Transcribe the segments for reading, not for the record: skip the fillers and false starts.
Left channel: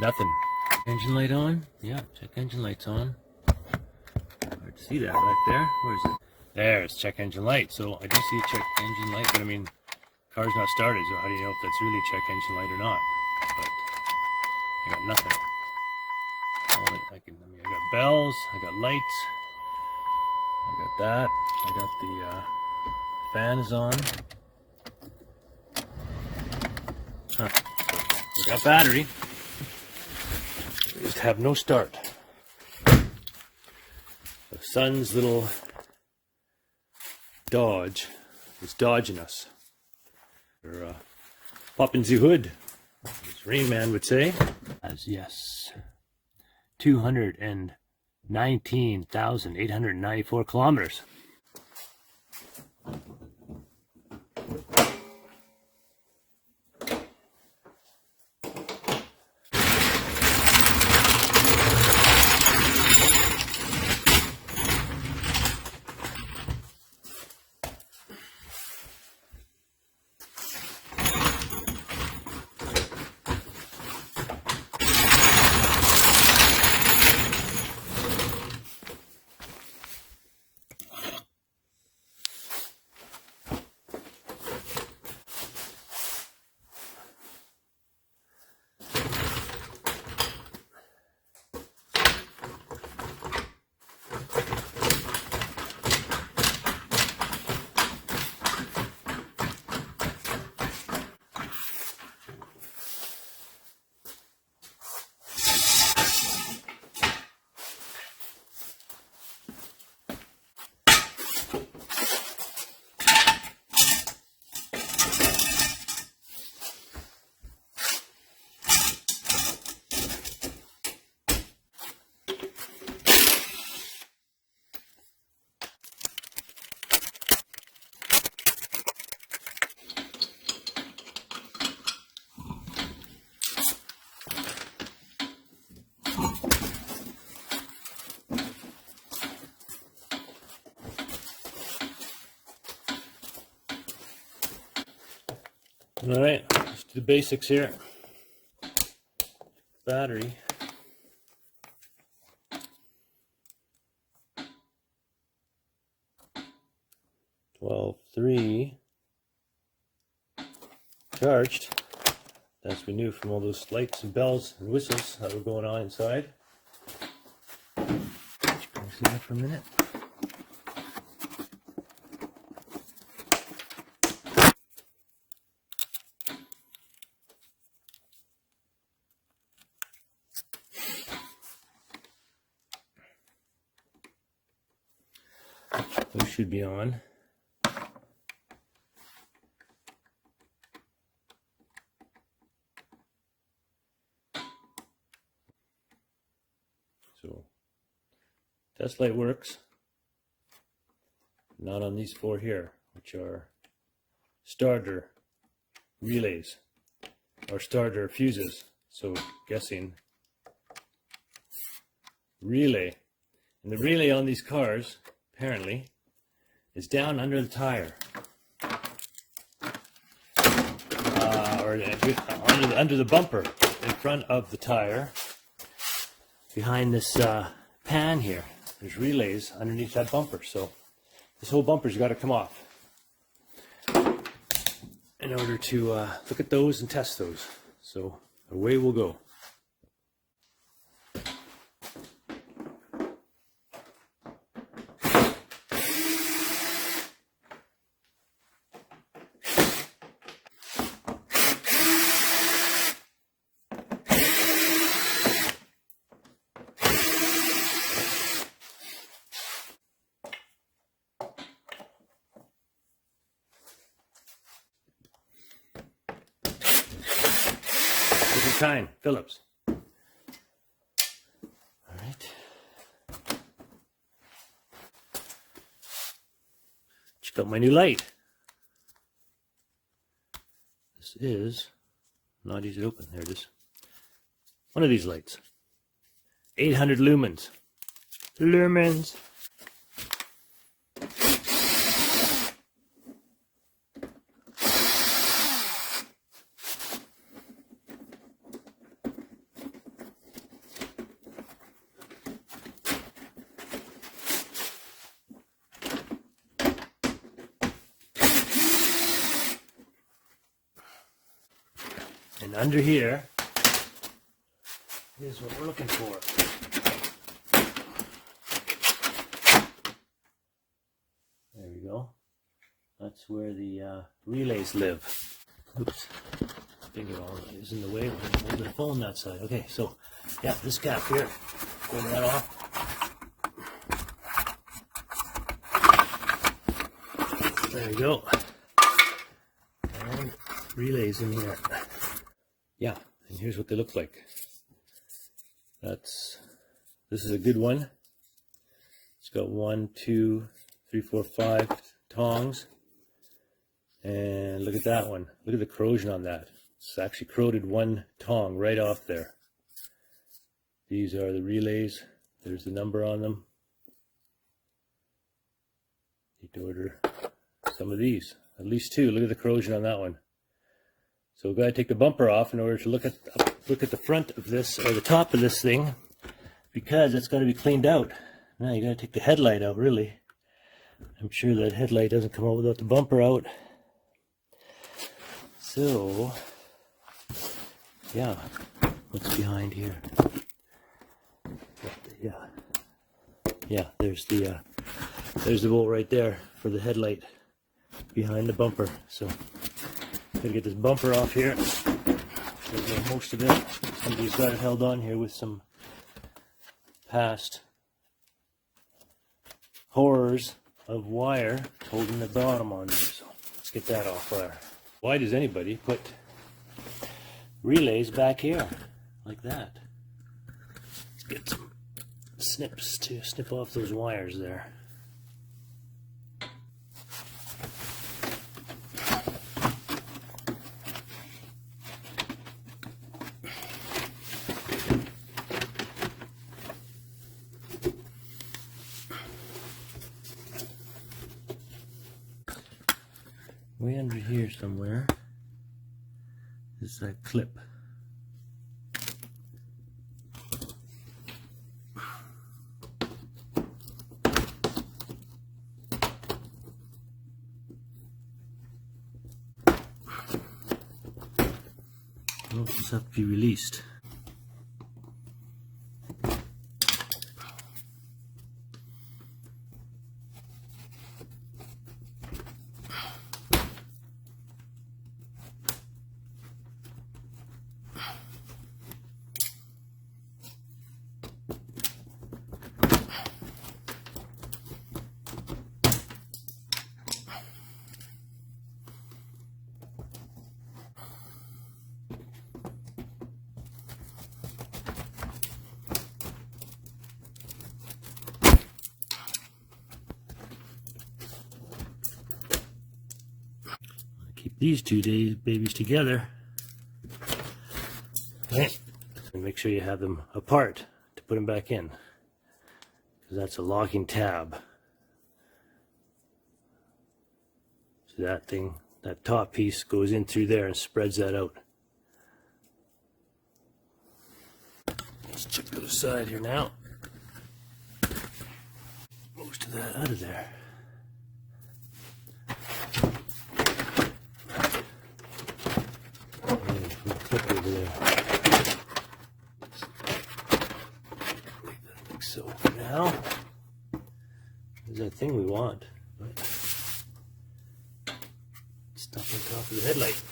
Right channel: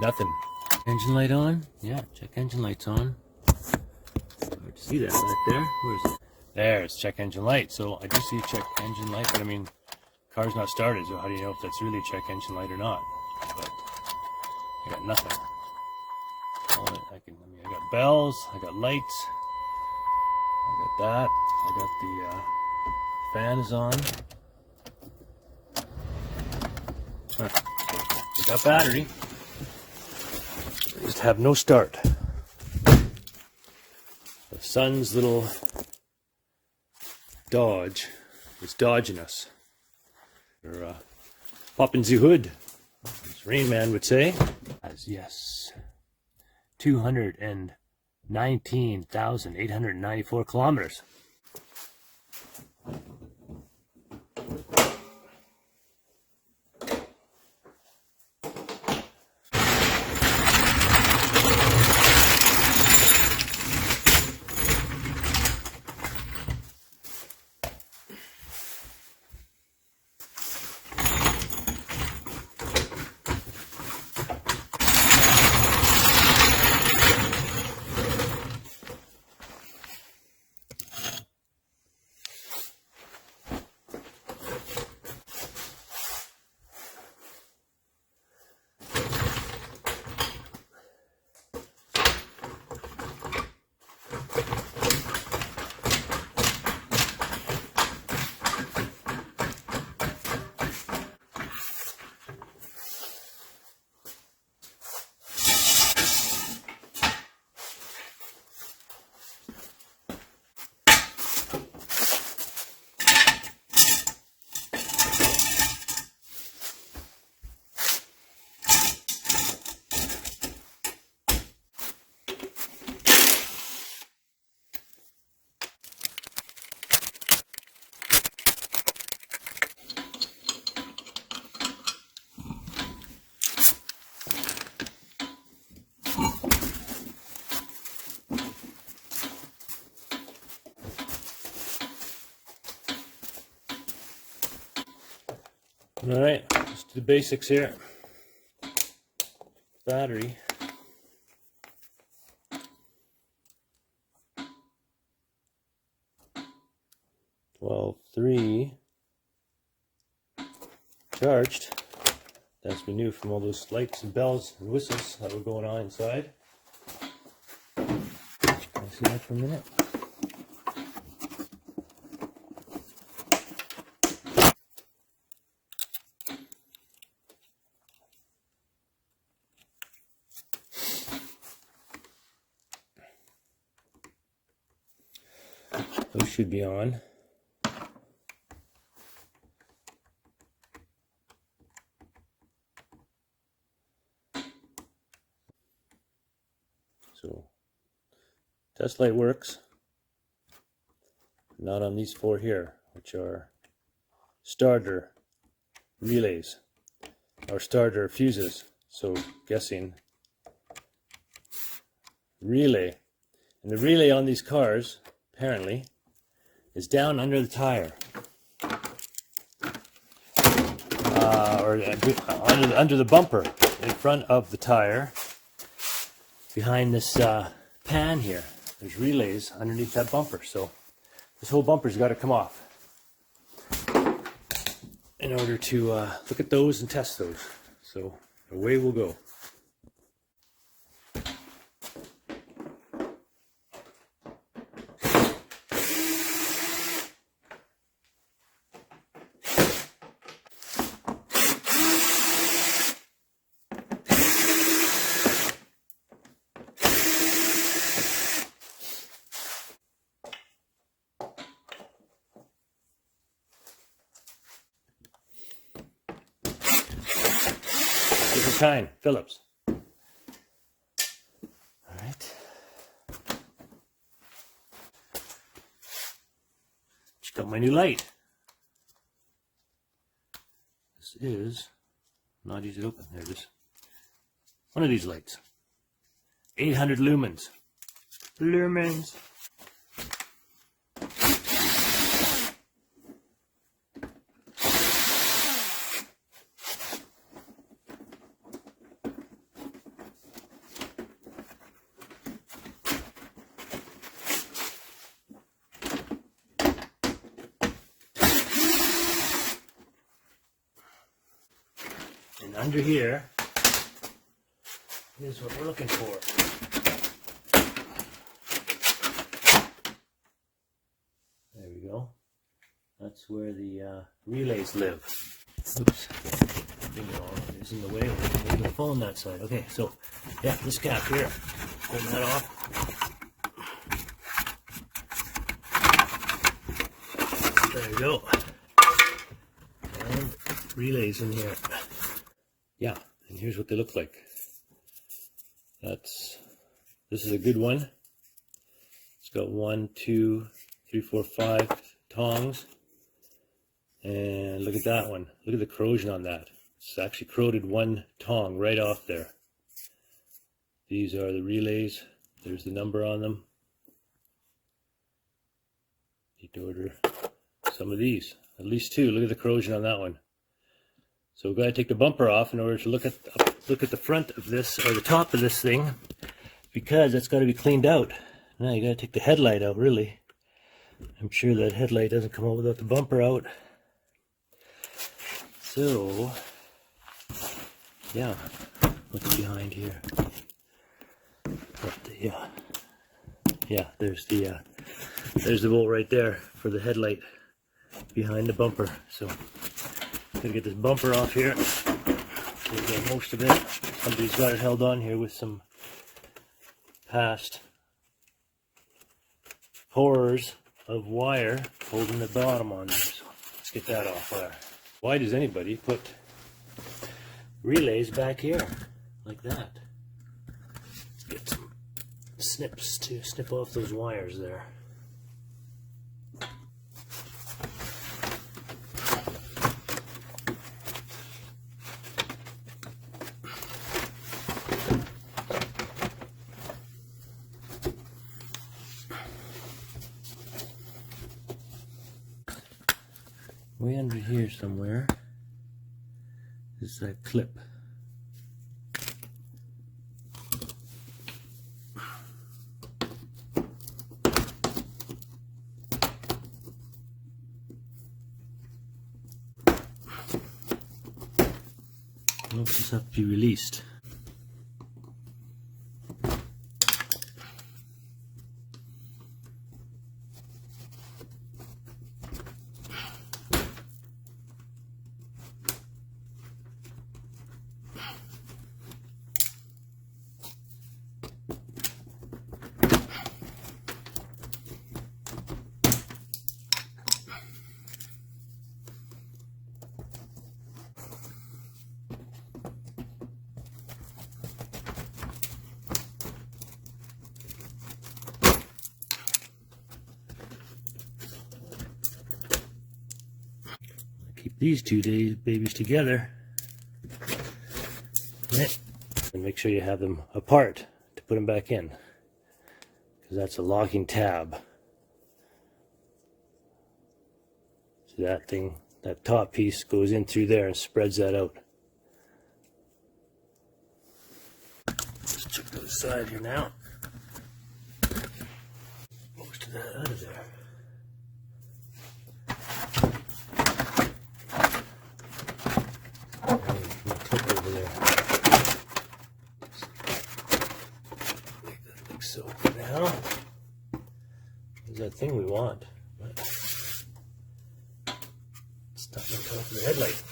Nothing. Engine light on? Yeah, check engine light's on. Hard to see that back there. Where is it? There's check engine light. So I do see check engine light, but I mean, car's not started, so how do you know if that's really check engine light or not? But I got nothing. I got bells, I got lights, I got that, I got the fan is on. Huh. So we got battery. We just have no start. The sun's little Dodge is dodging us. We're popping the hood, as Rain Man would say. As yes, 219,894 kilometers. All right, let's do the basics here. Battery. $12.3 charged. As we knew from all those lights and bells and whistles that were going on inside. Can I see that for a minute? Those should be on. So, test light works. Not on these four here, which are starter relays, or starter fuses. So, guessing relay. And the relay on these cars, apparently, is down under the tire, or under the bumper in front of the tire. Behind this pan here, there's relays underneath that bumper. So this whole bumper's got to come off in order to look at those and test those. So away we'll go. Different kind, Phillips. All right. Check out my new light. This is not easy to open. There it is. One of these lights. 800 lumens. Lumens. And under here is what we're looking for. There we go. That's where the relays live. Oops. Finger all is in the way. We're moving the phone that side. Okay, so yeah, this gap here. Pulling that off. There you go. And relays in here. Yeah, and here's what they look like. This is a good one. It's got 1, 2, 3, 4, 5 tongs. And look at that one. Look at the corrosion on that. It's actually corroded one tong right off there. These are the relays. There's the number on them. Need to order some of these. At least 2. Look at the corrosion on that one. So we've got to take the bumper off in order to look at the front of this, or the top of this thing, because it's got to be cleaned out. Now you got to take the headlight out, really. I'm sure that headlight doesn't come out without the bumper out. So, yeah, what's behind here? Yeah, there's the bolt right there for the headlight behind the bumper. So, gotta get this bumper off here. Get most of it. Somebody's got it held on here with some past horrors of wire holding the bottom on there. So, let's get that off. Why does anybody put relays back here like that? Let's get some snips to snip off those wires there. Way under here somewhere is that clip. Well, this has to be released. Keep these two babies together, right? And make sure you have them apart to put them back in, because that's a locking tab. So that thing, that top piece goes in through there and spreads that out. Let's check the other side here now. Most of that out of there. Clip over there. Make that look so for now. There's that thing we want, but stuff on top of the headlight.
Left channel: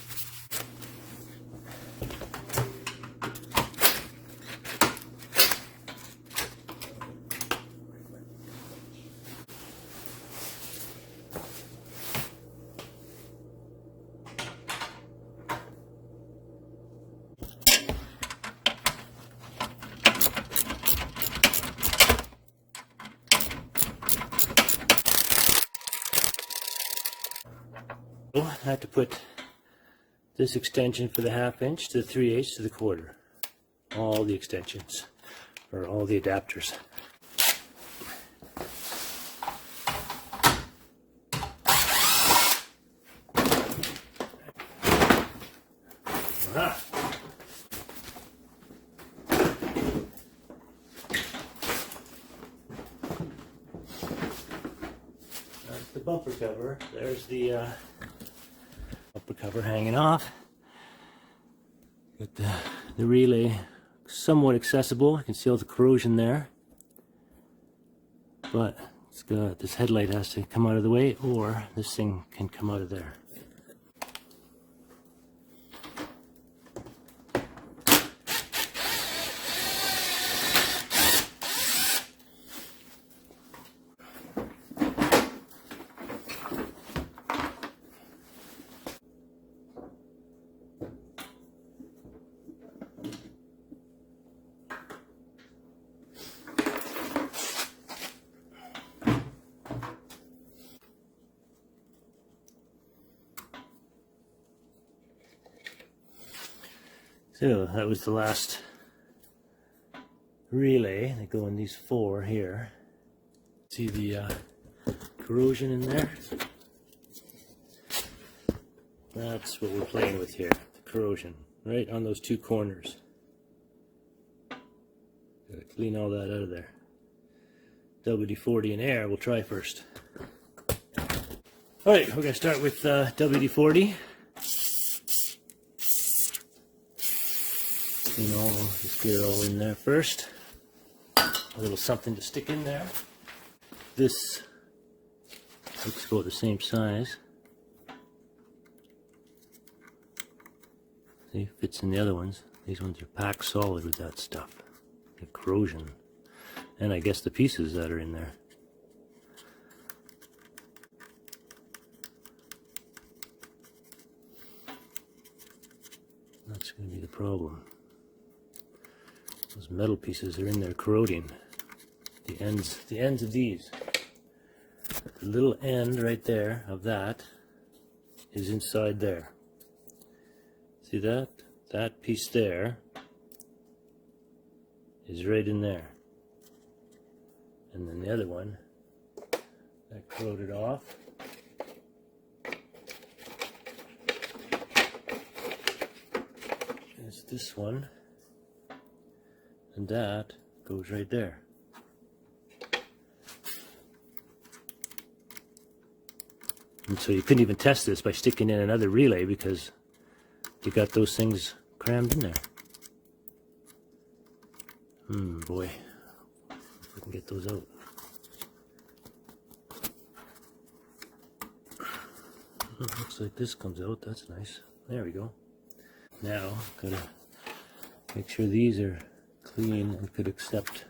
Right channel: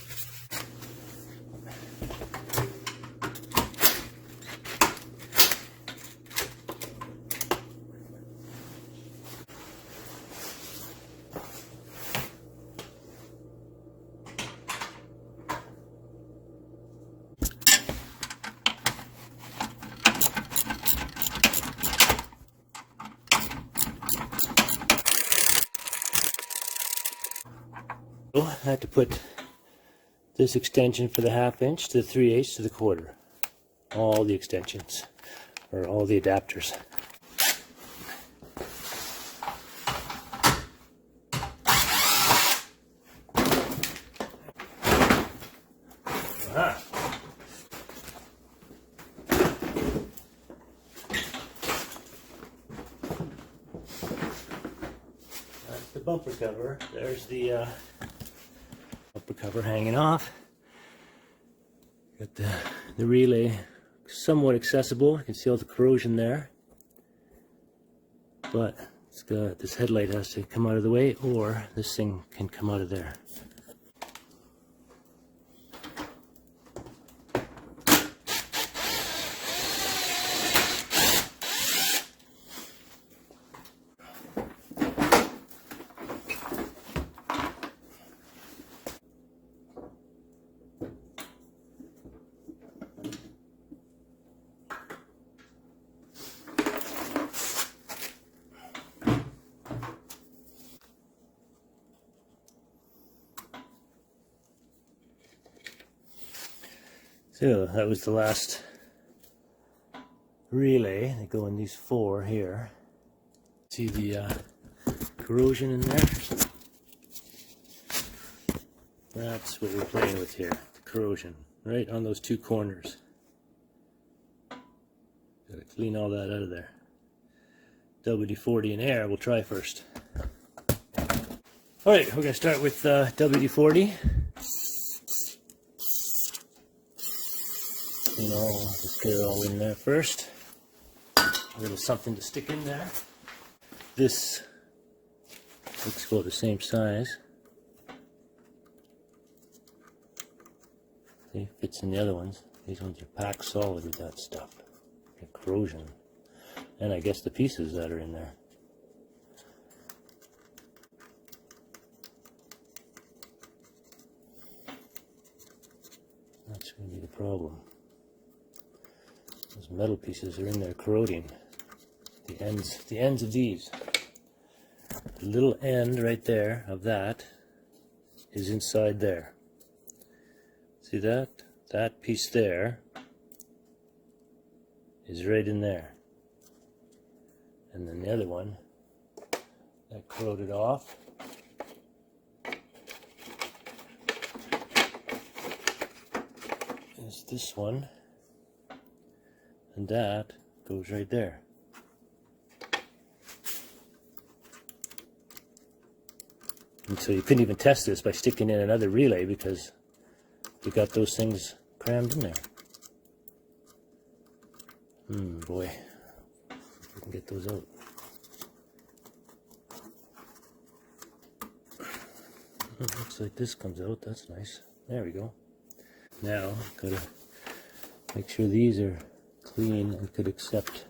I had to put this extension for the 1/2 inch to the 3/8 to the 1/4. All the extensions, or all the adapters. Aha. That's the bumper cover. There's the bumper cover hanging off. Got the relay somewhat accessible. You can see all the corrosion there. But it's got, this headlight has to come out of the way, or this thing can come out of there. So that was the last relay. They go in these 4 here. See the corrosion in there? That's what we're playing with here, the corrosion, right on those 2 corners. Gotta clean all that out of there. WD-40 in air, we'll try first. Alright, we're gonna start with WD-40. You know, just get it all in there first. A little something to stick in there. This looks about the same size. See, fits in the other ones. These ones are packed solid with that stuff. The corrosion. And I guess the pieces that are in there. That's going to be the problem. Those metal pieces are in there corroding. The ends of these. The little end right there of that is inside there. See that? That piece there is right in there. And then the other one, that corroded off. It's this one. And that goes right there. And so you couldn't even test this by sticking in another relay because you got those things crammed in there. Boy, if we can get those out. It looks like this comes out, that's nice. There we go. Now, gotta make sure these are clean and could accept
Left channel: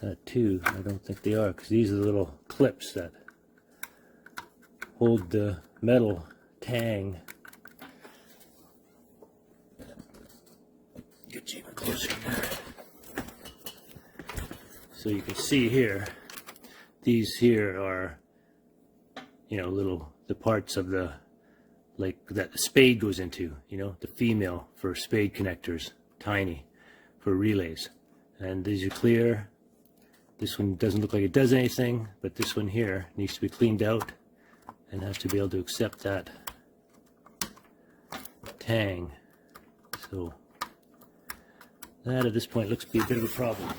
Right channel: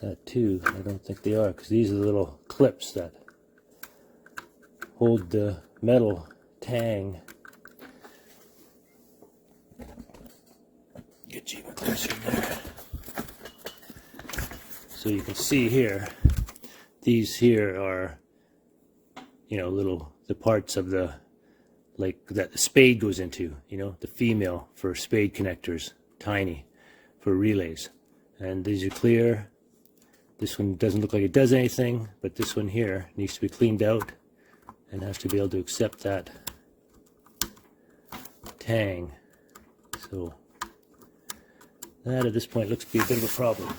that too. I don't think they are, because these are the little clips that hold the metal tang. Get you even closer there. So you can see here, these here are, you know, the parts of the, like that the spade goes into, you know, the female for spade connectors, tiny for relays. And these are clear. This one doesn't look like it does anything, but this one here needs to be cleaned out and has to be able to accept that tang. So that at this point looks to be a bit of a problem.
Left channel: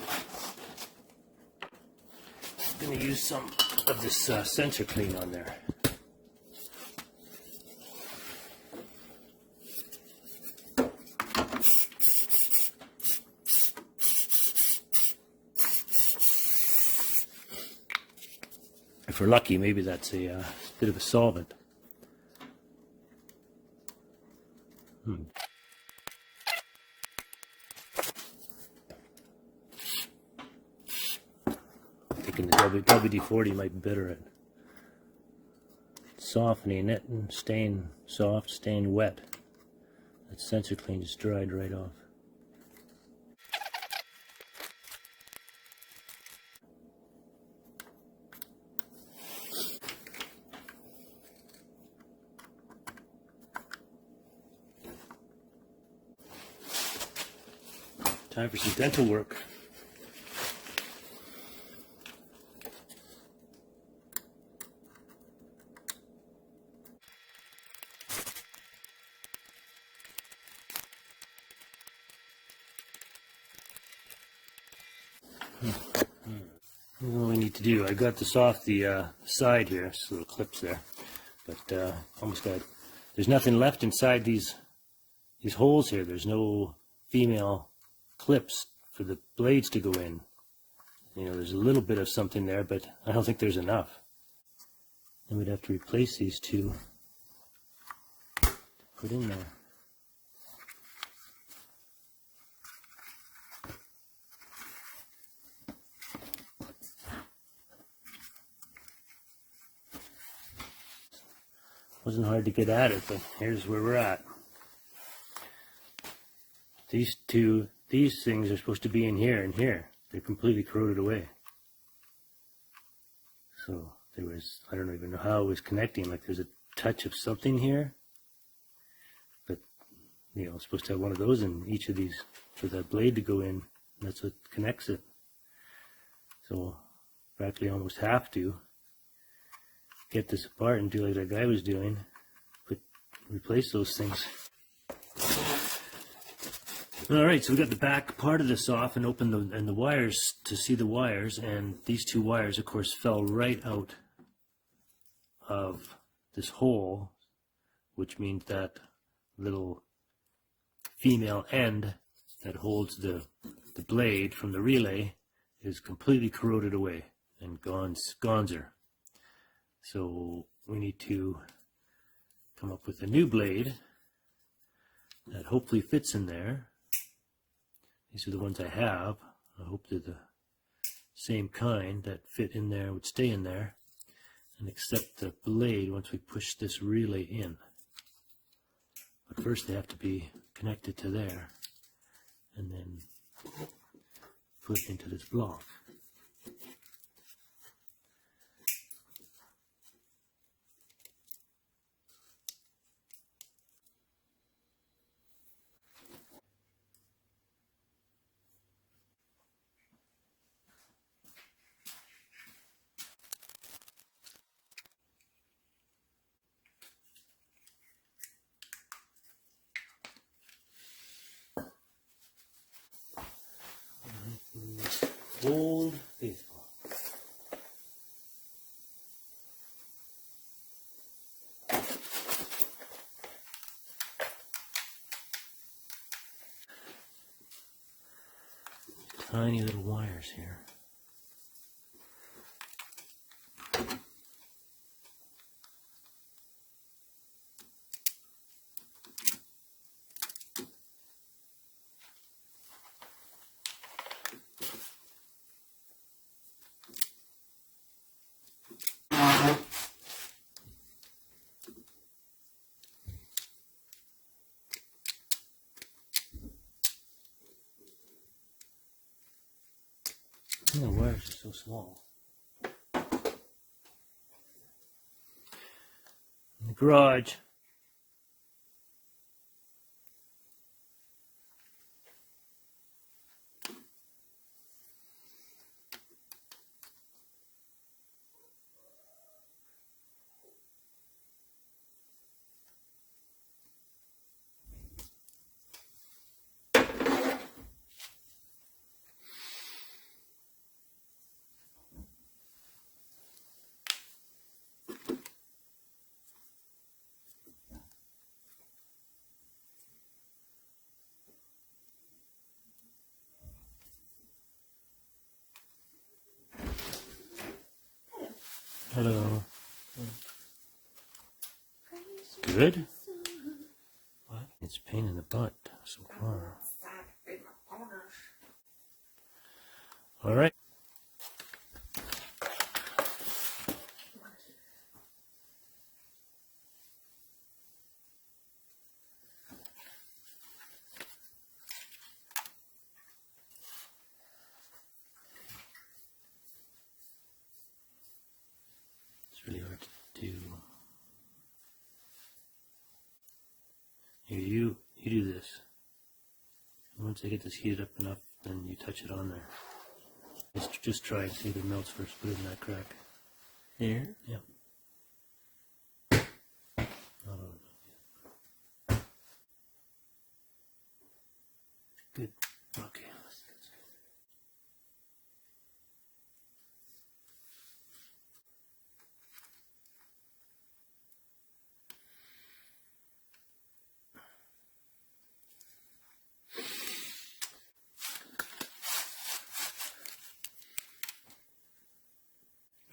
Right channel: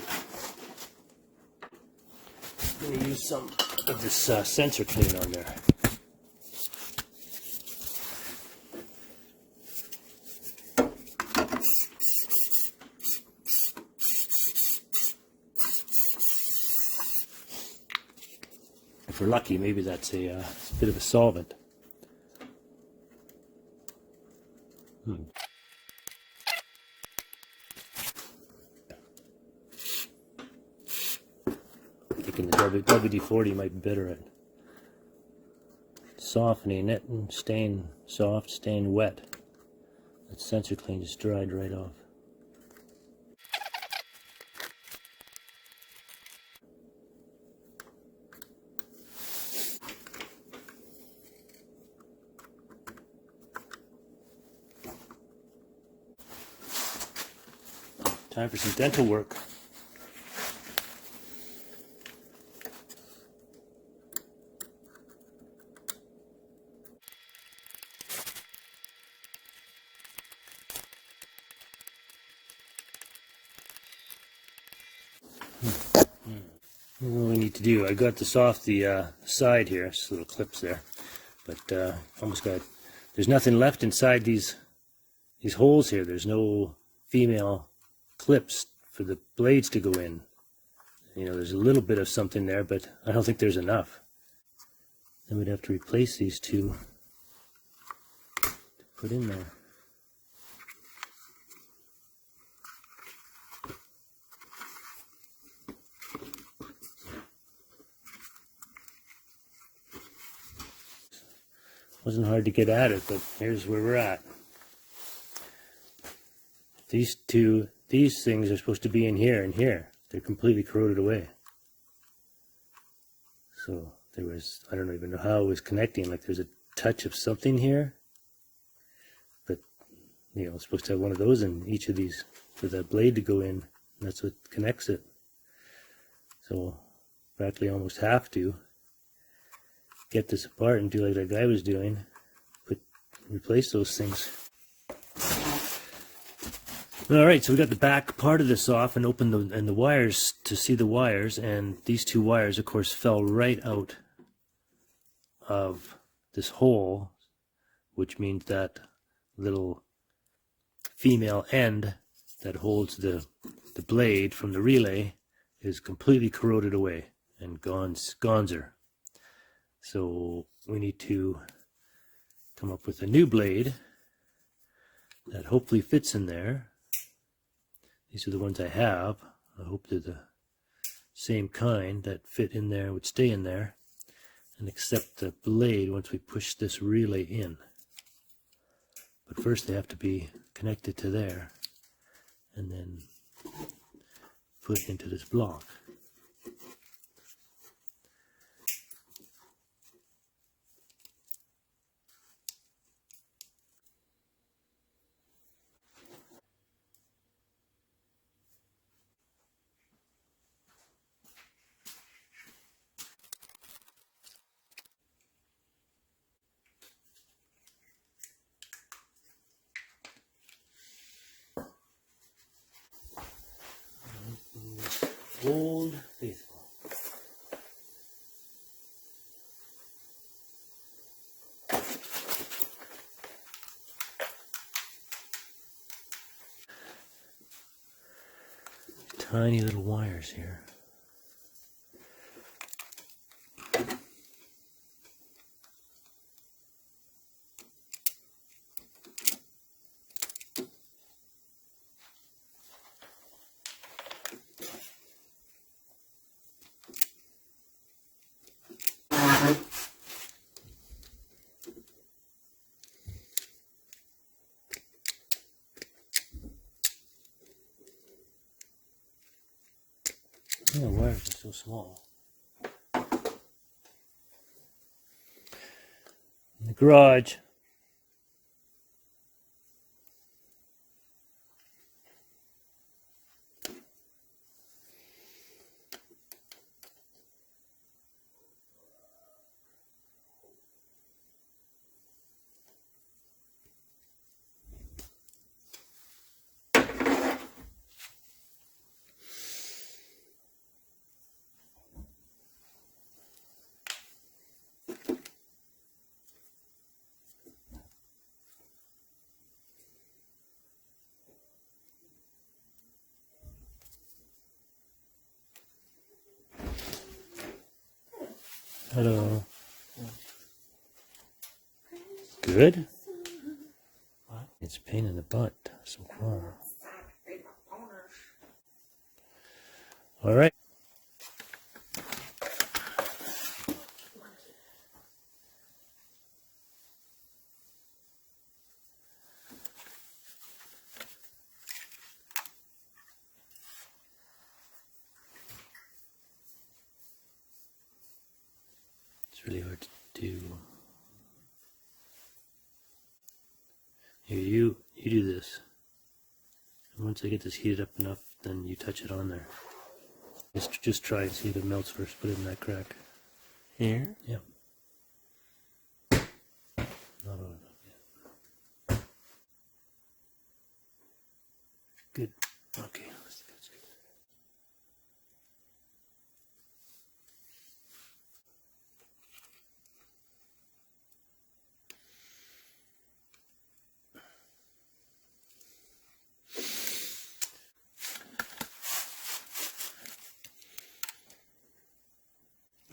I'm going to use some of this sensor clean on there. If we're lucky, maybe that's a bit of a solvent. Thinking the WD-40 might be better at softening it and staying soft, staying wet. That sensor clean just dried right off. Time for some dental work. What we need to do, I got this off the side here, just little clips there, but almost got, there's nothing left inside these these holes here, there's no female clips for the blades to go in. You know, there's a little bit of something there, but I don't think there's enough. Then we'd have to replace these two to put in there. Wasn't hard to get at it, but here's where we're at. These things are supposed to be in here and here. They're completely corroded away. So there was, I don't even know how it was connecting. Like there's a touch of something here, but you know, it's supposed to have one of those in each of these for that blade to go in. And that's what connects it. So practically almost have to get this apart and do like that guy was doing, replace those things. All right, so we got the back part of this off and opened the wires to see the wires, and these two wires, of course, fell right out of this hole, which means that little female end that holds the blade from the relay is completely corroded away and gonzer. So we need to come up with a new blade that hopefully fits in there. These are the ones I have. I hope they're the same kind that fit in there, would stay in there, and accept the blade once we push this relay in. But first they have to be connected to there and then put into this block. Old faithful. Tiny little wires here. The wires are so small. In the garage. Hello. Good? What? It's a pain in the butt so far. All right. It's really hard to do. Here, you do this. And once I get this heated up enough, then you touch it on there. Just try and see if it melts first. Put it in that crack. Here? Yeah. Not on enough yet. Good. Okay. That's good.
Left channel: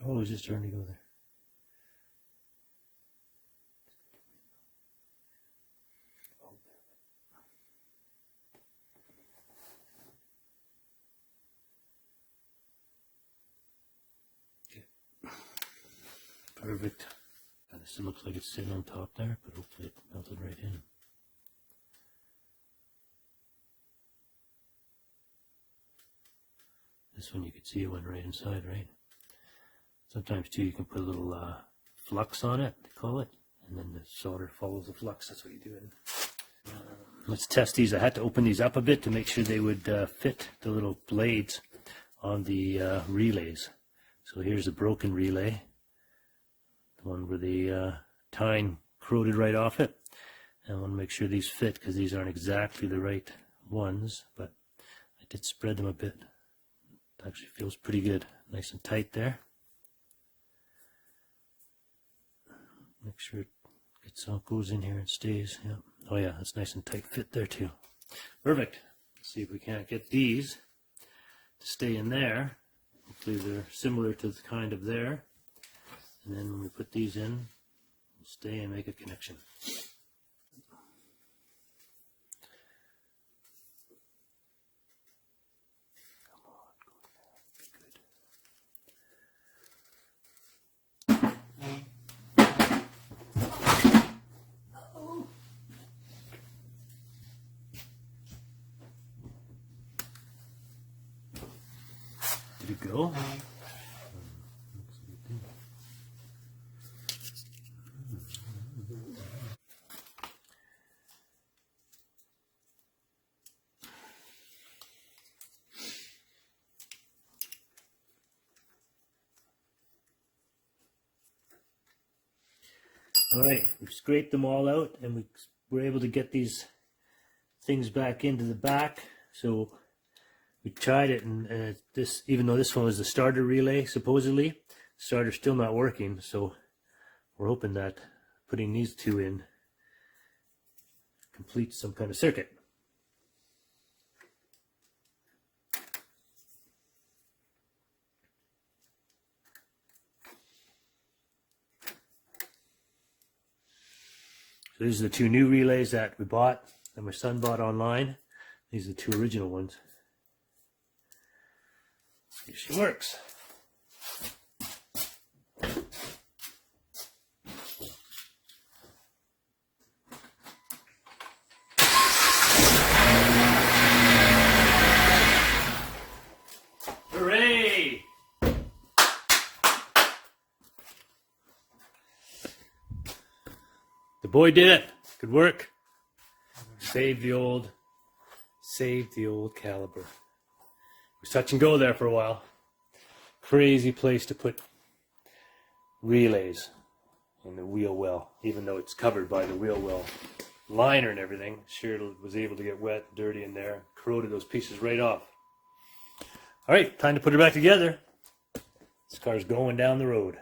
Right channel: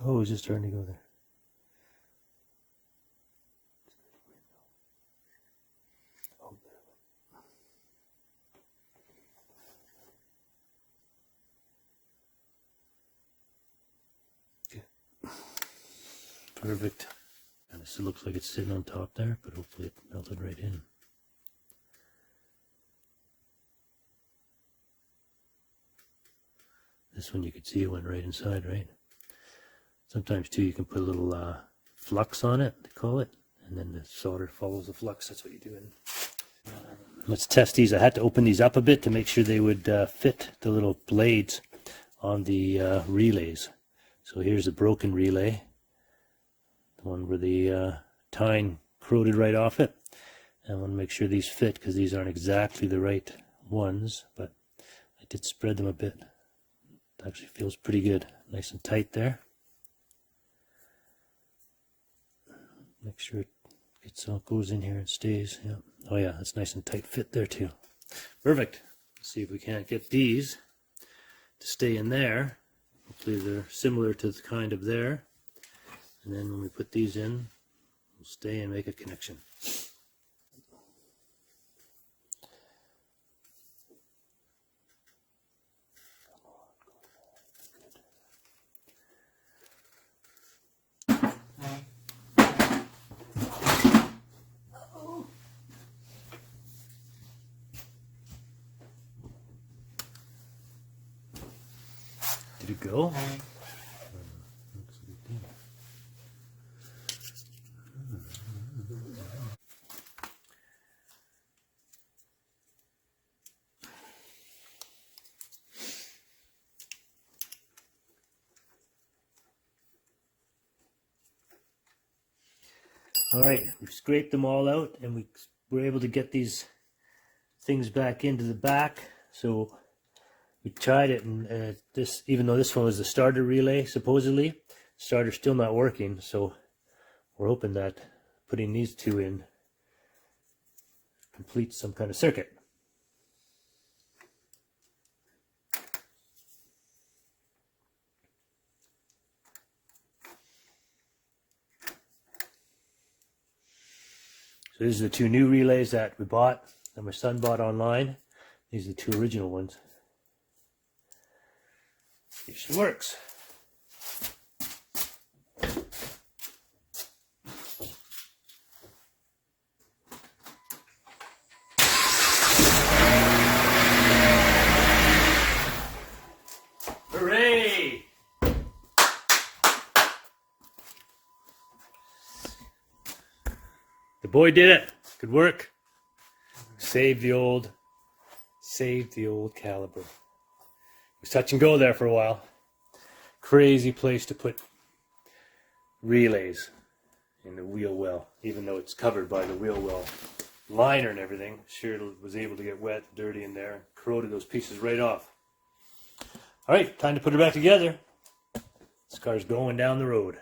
Oh, is it starting to go there? Perfect. And this looks like it's sitting on top there, but hopefully it melted right in. This one you could see it went right inside, right? Sometimes too you can put a little flux on it, they call it, and then the solder follows the flux. That's what you do. Let's test these. I had to open these up a bit to make sure they would fit the little blades on the relays. So here's a broken relay, the one where the tine corroded right off it. And I want to make sure these fit because these aren't exactly the right ones, but I did spread them a bit. It actually feels pretty good, nice and tight there. Make sure it gets all goes in here and stays. Yeah. Oh yeah, that's nice and tight fit there too. Perfect. Let's see if we can't get these to stay in there. Hopefully they're similar to the kind of there. And then when we put these in, we'll stay and make a connection. Did it go? All right, we've scraped them all out and we were able to get these things back into the back. So we tried it, and this, even though this one was the starter relay, supposedly, starter's still not working. So we're hoping that putting these two in completes some kind of circuit. So these are the two new relays that we bought, that my son bought online. These are the two original ones. See if she works. Hooray! The boy did it. Good work. Saved the old caliber. It was touch and go there for a while. Crazy place to put relays in the wheel well, even though it's covered by the wheel well liner and everything. Sure, it was able to get wet, dirty in there, corroded those pieces right off. All right, time to put it back together. This car's going down the road.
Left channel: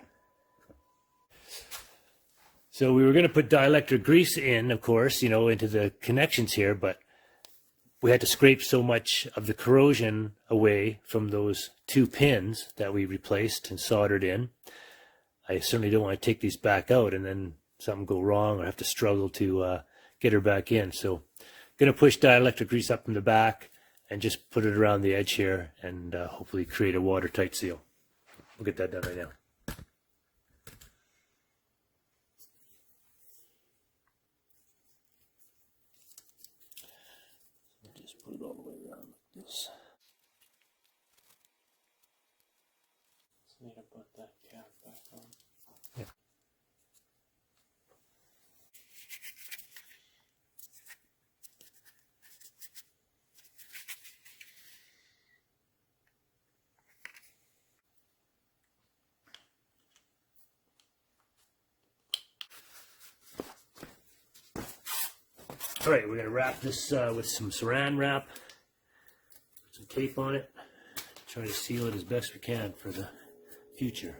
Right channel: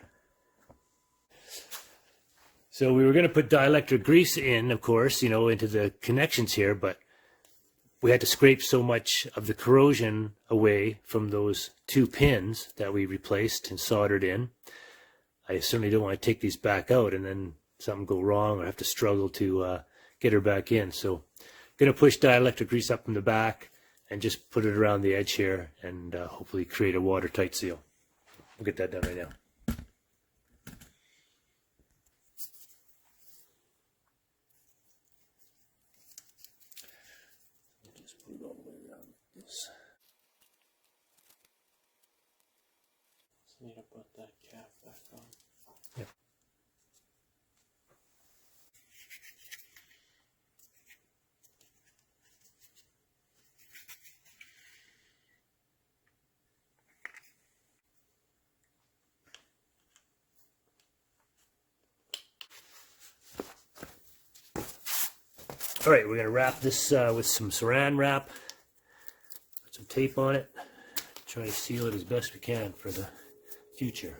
So we were going to put dielectric grease in, of course, you know, into the connections here, but we had to scrape so much of the corrosion away from those two pins that we replaced and soldered in. I certainly don't want to take these back out and then something go wrong or have to struggle to get her back in. So I'm going to push dielectric grease up from the back and just put it around the edge here and hopefully create a watertight seal. We'll get that done right now. Just put it all the way around like this. So you gotta put that cap back on. Yeah. All right, we're going to wrap this with some saran wrap, put some tape on it, try to seal it as best we can for the future.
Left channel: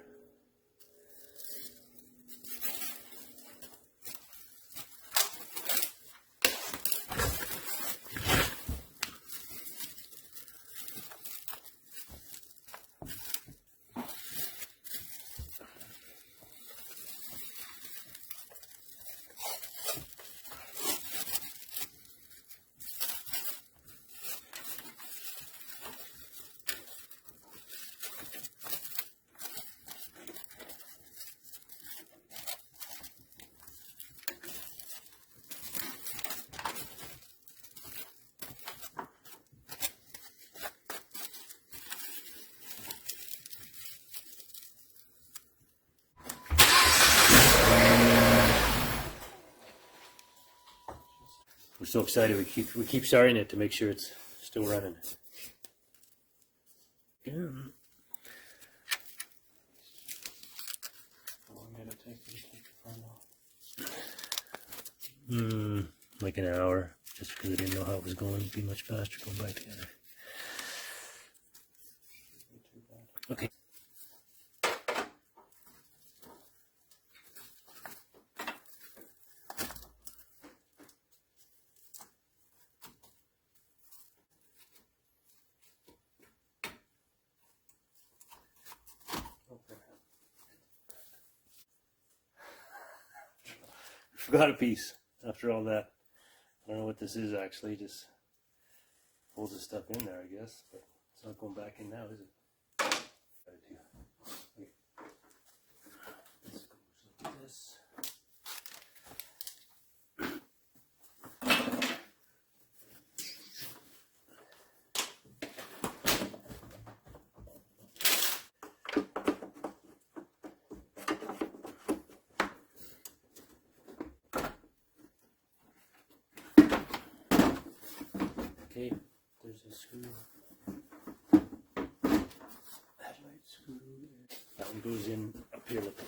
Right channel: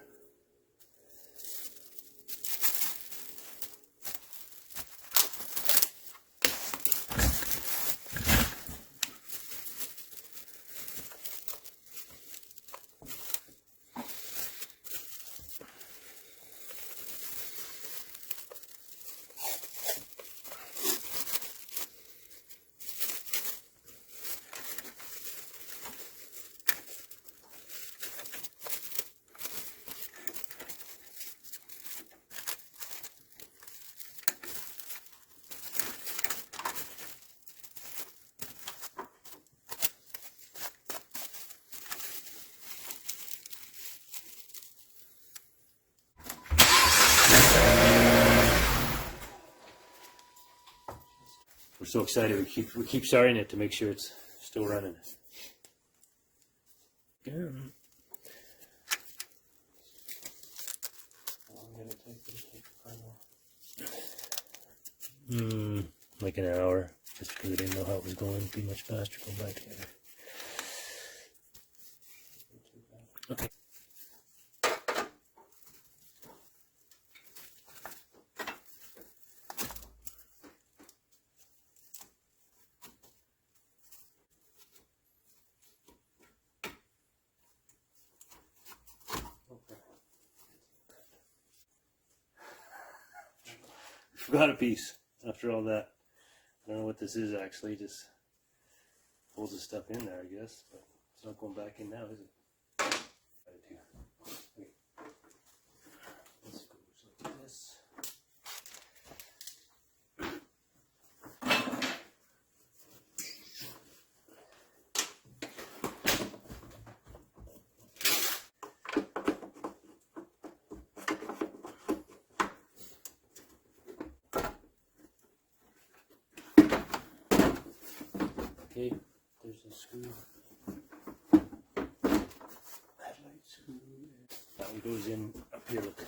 so excited. We keep starting it to make sure it's still running. Again. How long did it take you to take the firmware? Like an hour, just because I didn't know how it was going. It'd be much faster going back together. Not too bad. Okay. Forgot a piece after all that. I don't know what this is actually. Just holds the stuff in there, I guess. But it's not going back in now, is it? Okay. This goes like this. Okay, there's a screw. Headlight screw. That one goes in up here, look.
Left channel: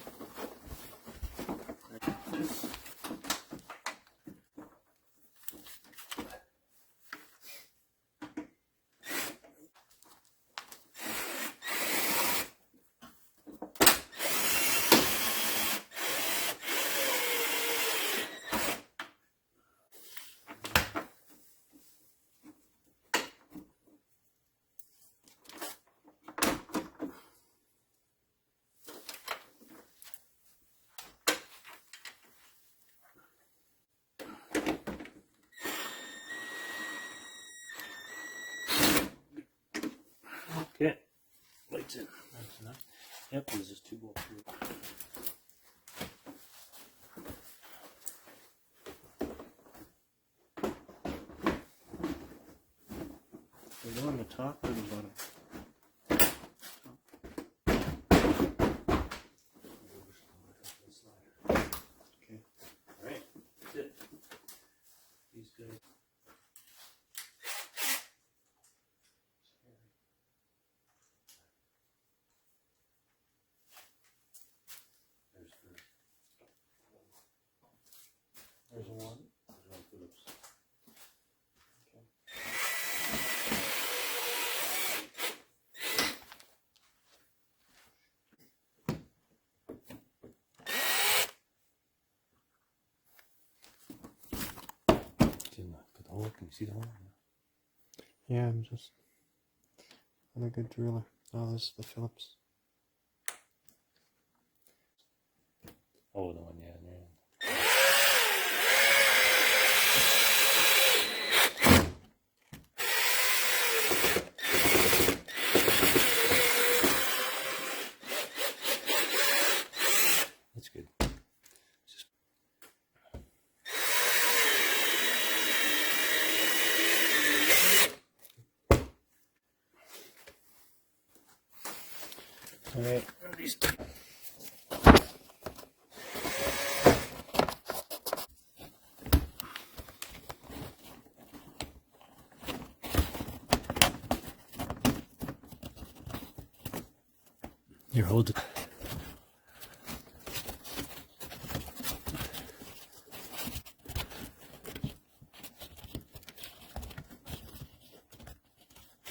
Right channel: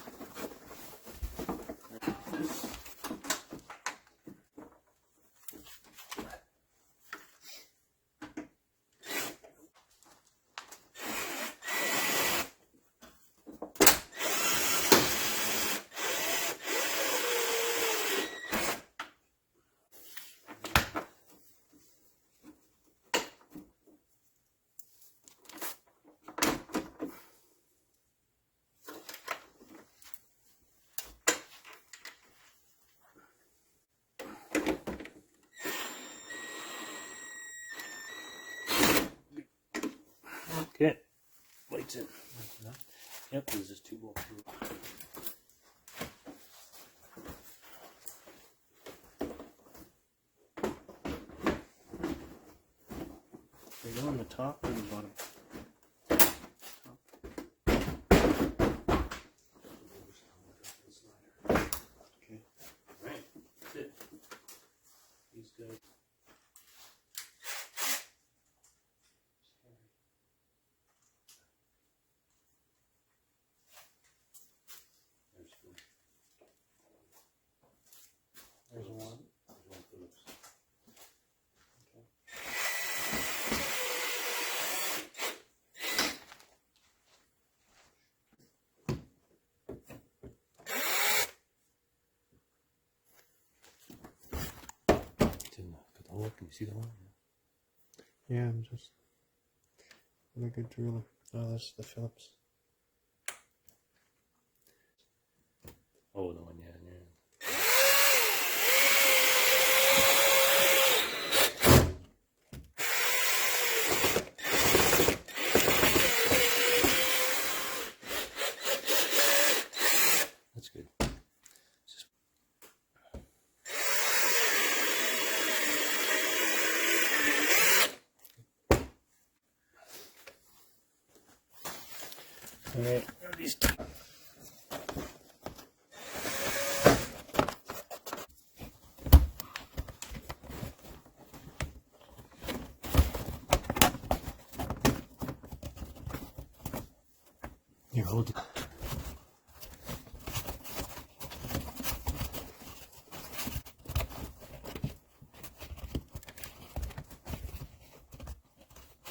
Okay, lights in. That's enough. Yep, there's just 2 bolts through. They go on the top or the bottom? Okay. Alright, that's it. These guys. There's one. There's one Phillips. Okay. It's in the hole. Can you see the hole? Yeah, I'm just. I'm a good driller. Oh, this is the Phillips. Oh, the one, yeah, yeah. That's good. Just all right. These two. Here, hold it.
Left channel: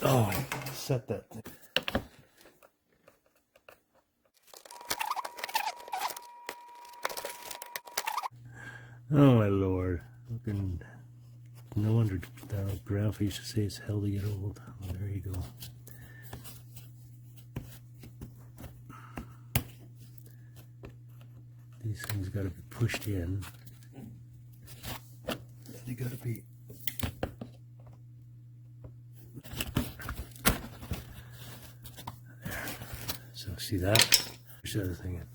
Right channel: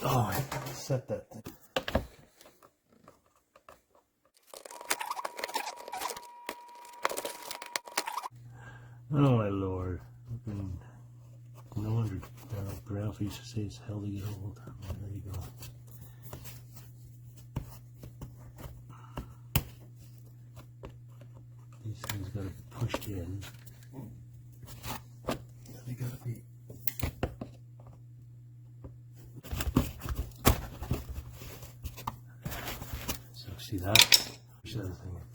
Oh, I set that thing. Oh my lord. Fucking no wonder Grandpa used to say it's hell to get old. Oh, there you go. These things gotta be pushed in. They gotta be. So see that? Push the other thing in.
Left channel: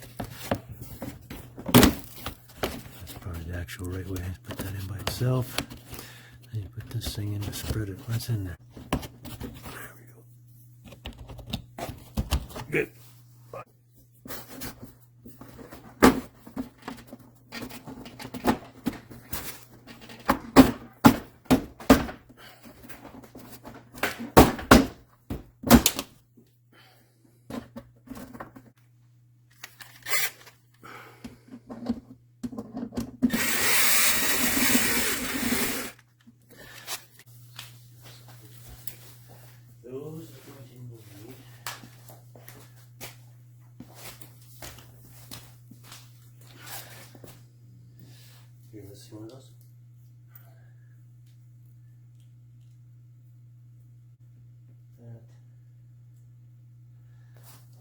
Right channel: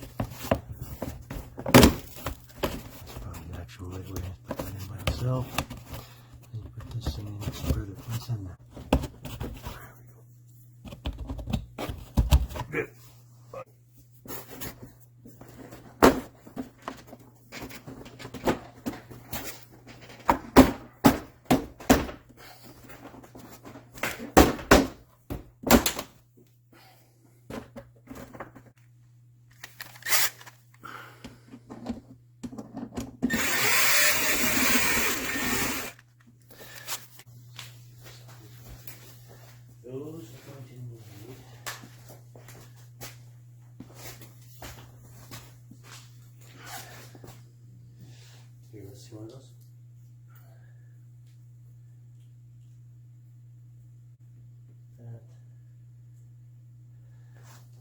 That's probably the actual right way. Put that in by itself. Then you put this thing in to spread it. What's in there? There we go. Good. one of those.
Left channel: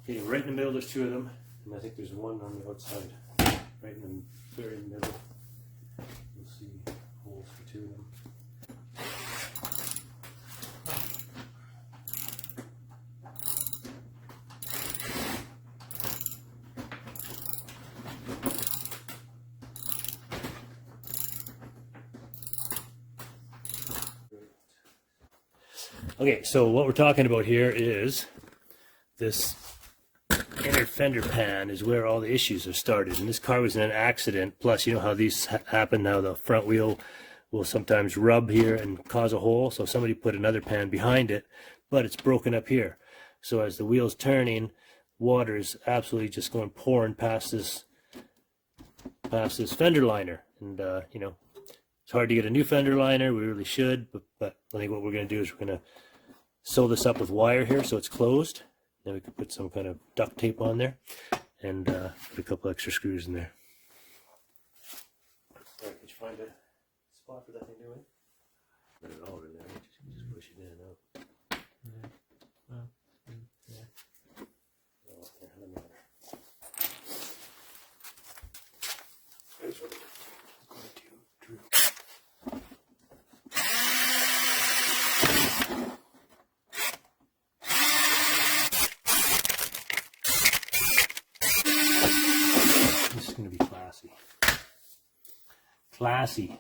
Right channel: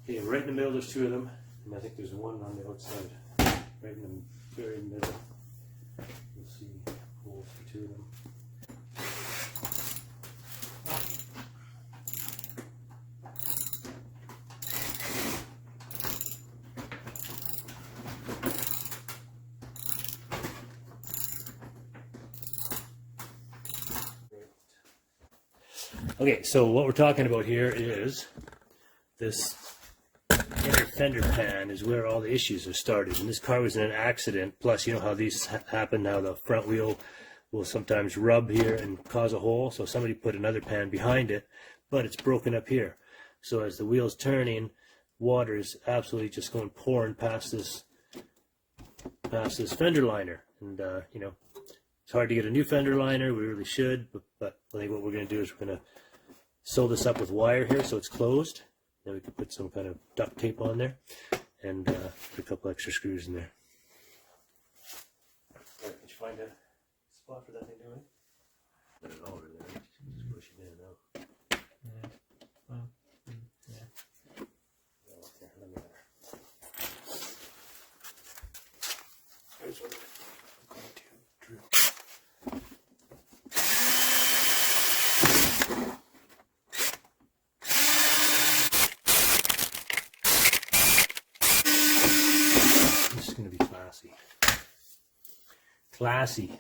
Okay, right in the middle, there's two of them, and I think there's one on the outside, right in the very middle. You'll see holes for two of them. Okay, so what we're talking about here is this inner fender pan is where all the issues are started. And this car was in an accident. Plus, you know how these happen now. The front wheel will sometimes rub here and cause a hole. So somebody put another pan behind it, but it's broken up here. So as the wheel's turning, water is absolutely just going pouring past this fender liner. And, you know, it's hard to get a new fender liner. We really should. But I think what we're going to do is we're going to sew this up with wire here so it's closed. Then we could put some kind of duct tape on there and put a couple extra screws in there. All right, did you find a spot for that thing doing? Not at all, really. Right? Just push it in and out. Yeah. Well, yeah. No, here, let me have it. Here's what I'm going to drill. This is going to be classy. Classy.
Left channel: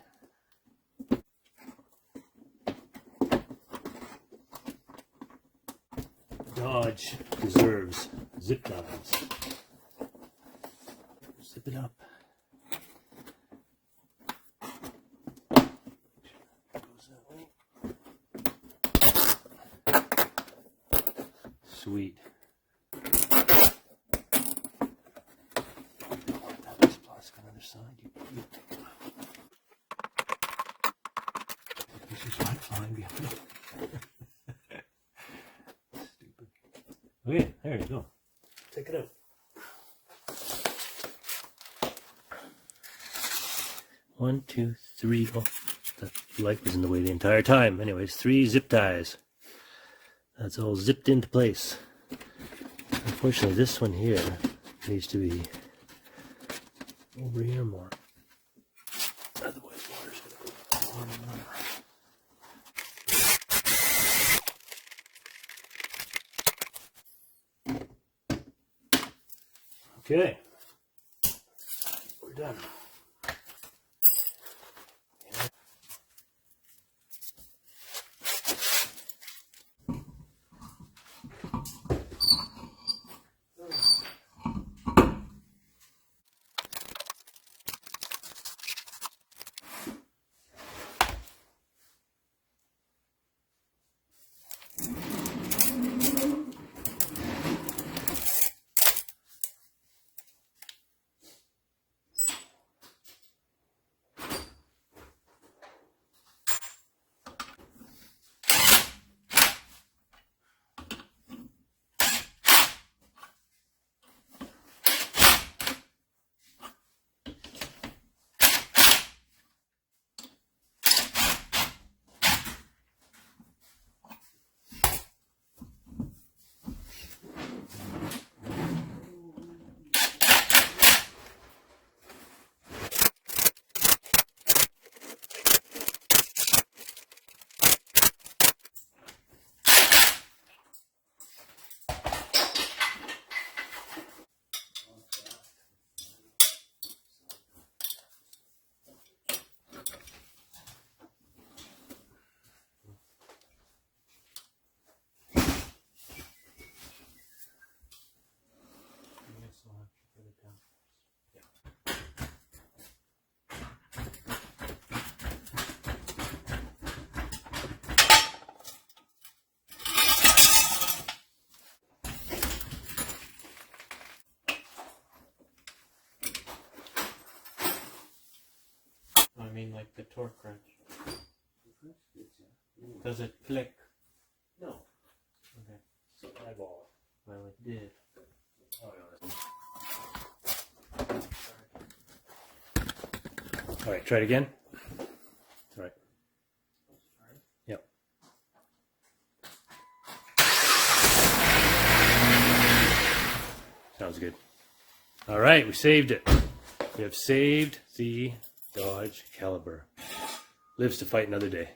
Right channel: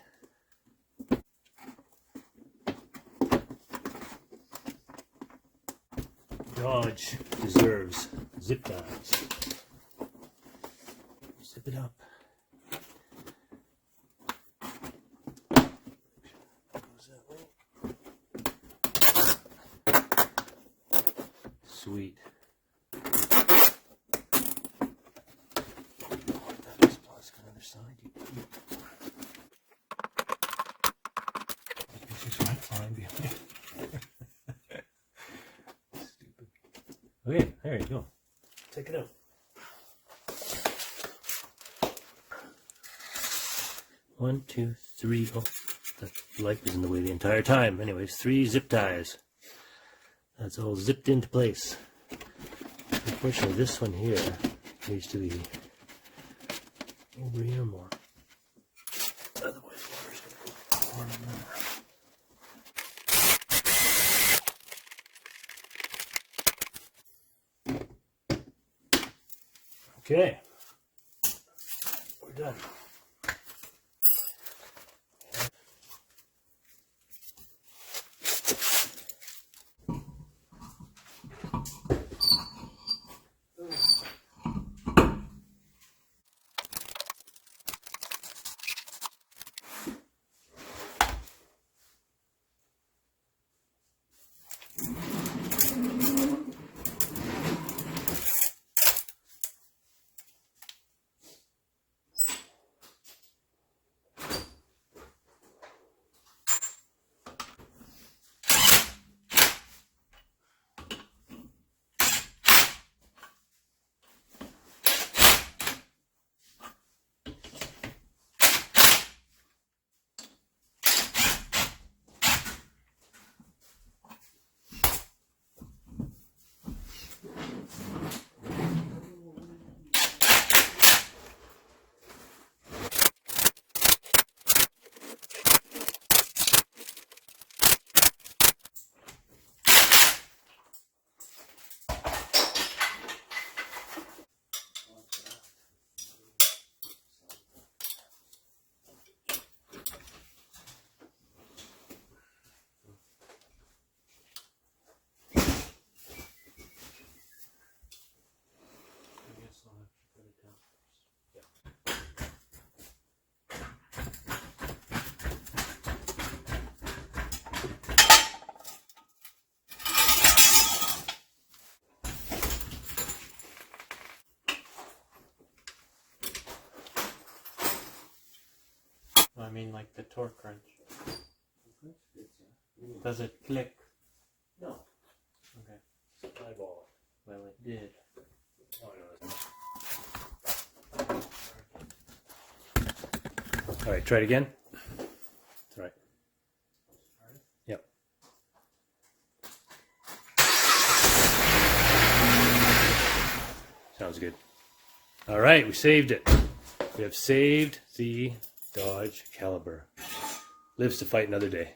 Dodge deserves zip ties. Zip it up. Goes that way. Sweet. Okay, there you go. Take it out. One, two, three. Oh, that light was in the way the entire time. Anyways, 3 zip ties. That's all zipped into place. Unfortunately, this one here needs to be over here more. Otherwise, water's going to go pouring more. Okay, we're done. I mean, like the torque wrench. Does it click? No. Okay. It's an eyeball. Well, it did. Oh, no. All right, try it again. Sounds good. All right, we saved it. We have saved the Dodge Caliber. Lives to fight another day.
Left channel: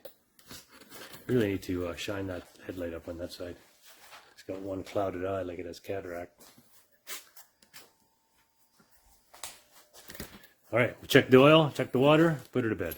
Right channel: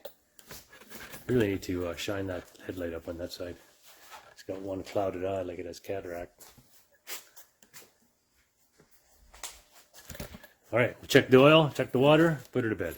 Really need to shine that headlight up on that side. It's got one clouded eye like it has cataract. All right, we'll check the oil, check the water, put her to bed.